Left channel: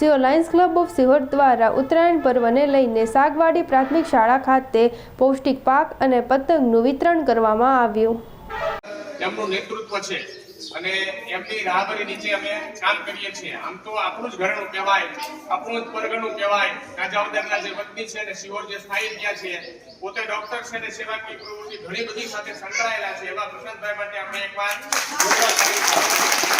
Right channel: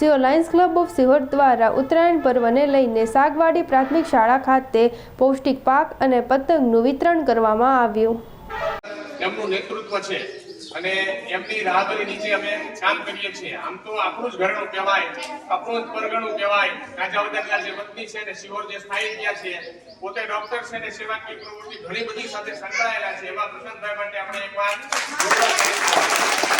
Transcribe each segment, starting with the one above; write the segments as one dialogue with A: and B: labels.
A: સિંહો Lions club of Sihor દ્વારા ઉત્તરાયણ પર્વને લઈને સાગવાડી પ્રાથમિક શાળા ખાતે પૌષ્ટિક પાક અને પતંગનું વિતરણ કરવામાં આવ્યું.
B: એમનું નેતૃત્વ છે અને એમની રાહબરી નીચે અમે કામ કરીએ છીએ. આમ તો આપણું જ ઘરનું કહેવાય, આપણું જ પરગણું કહેવાય. રાજાવદરના જે વતની છે ને શિવોર જે સ્થાયી થયા છે, પોતે ડોક્ટર છે ને સેવાકીય પ્રવૃત્તિ ઘણી બધી સાથે સંકળાયેલા છે. એવા પ્રશાંતભાઈ માટે આપણે જોરદાર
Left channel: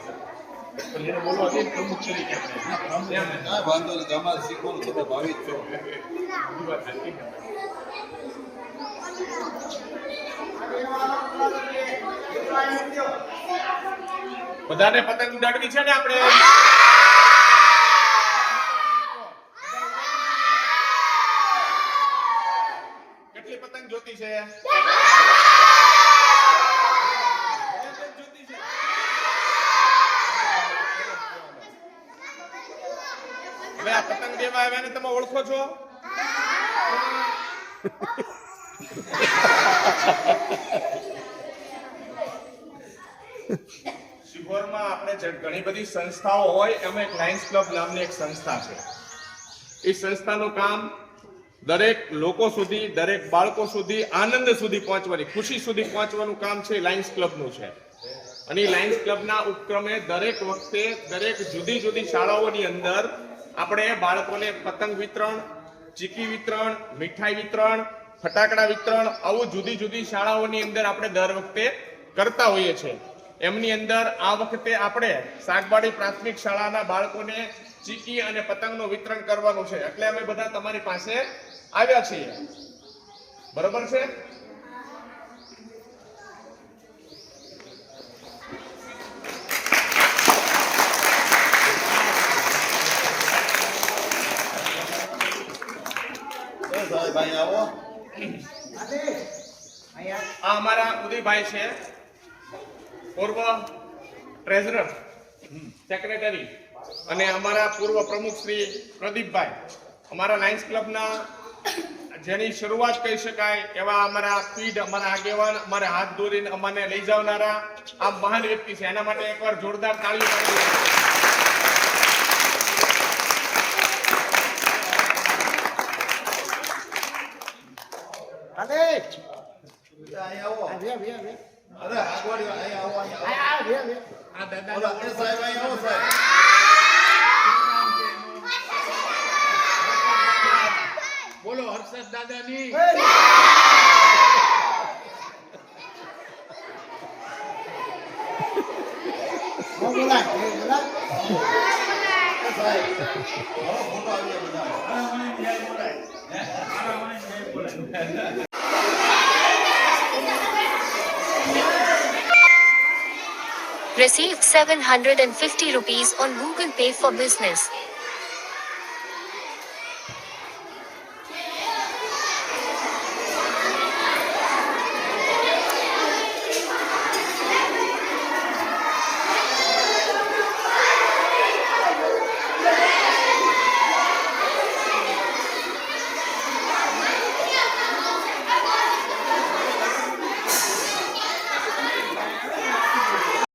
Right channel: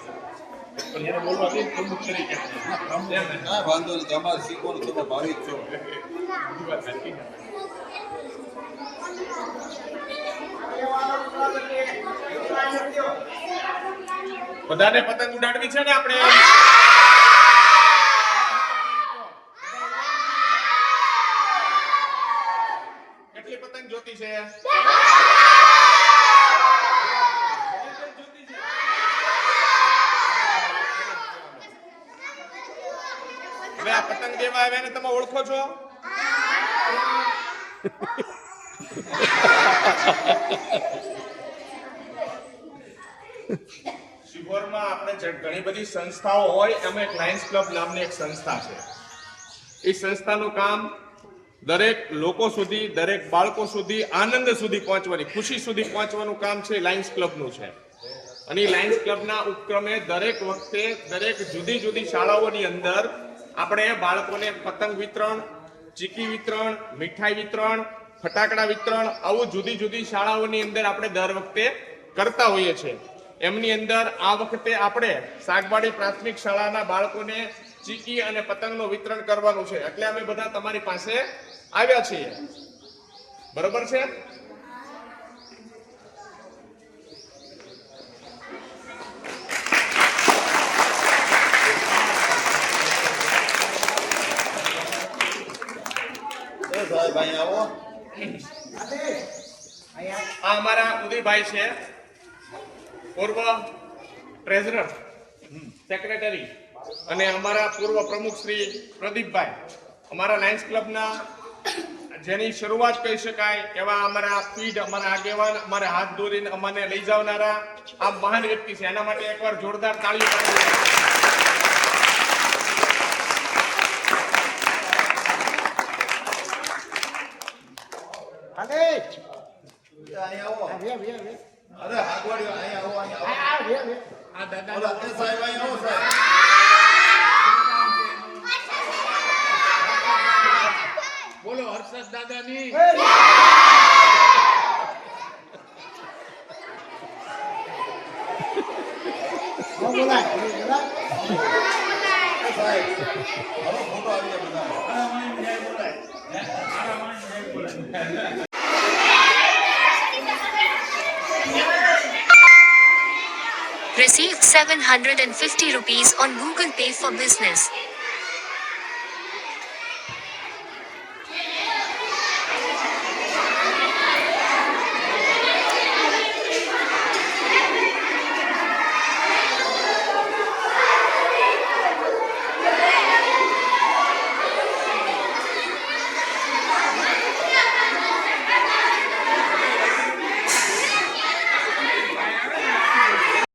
B: પણ એને બોલવા દે પ્રમુખ તરીકે ને.
C: વાંધો નહીં તમારે શીખવાનું તમે છો
B: બીજી વાત સાચી બધાને પતંગ ઉડાડવી છે ને આપણે કેટલી પતંગ જોતી છે હવે આવ્યા ને તમે ઓળખો છો? એ સંસ્થાનું કામ દરેક લોકો સુધી, દરેક બાળકો સુધી આનંદ સુધી પહોંચવાની, ખુશી સુધી પહોંચવાનું કામ છે લાયન્સ ક્લબનું છે. અને લાયન્સ ક્લબના ઉપક્રમે દરેક વખતે દરેક જુદી જુદી શાળાઓની અંદર આપણે બાળકોને પતંગ વિતરણ, ચીકી વિતરણ, મીઠાઈ વિતરણ, ફટાકડા વિતરણ, આવું જુદી જુદી શાળાઓની અંદર આપણે દર વખતે કરતા હોઈએ છીએ. એમની અંદર આ વખતે આપણે સાગવાડી પ્રાથમિક શાળાના બાળકોને ચીકી અને પતંગનું વિતરણ કરવાનું છે. એટલે અમે બધા તમારી પાસે આવ્યા છીએ. બરોબર છે? આ અમારા ઉદયભાઈ છે. પૂર્વ ટ્રેઝરર સેક્રેટરી અને અમારા પૂર્વ પ્રમુખ પ્રદીપભાઈ. અમારા લાયન્સ ક્લબના જેની શરૂઆત કહી શકાય એવા અમારા પીઢ, અમારા આગેવાન, અમારે હાથ દોરીને અમને લઈ જવનારા આ મહાન વ્યક્તિ છે. એના માટે એકવાર જોરદાર તાળીઓ પાડી દો.
C: અહીં આવો અરે આગવાડી અહીં આવો અહીં આવો
D: આ દાદા
C: બોલો,
D: હર્ષદ દાદાની.
C: ફોટો આવી બધા
E: Received 750 rupees on Google Pay for Business.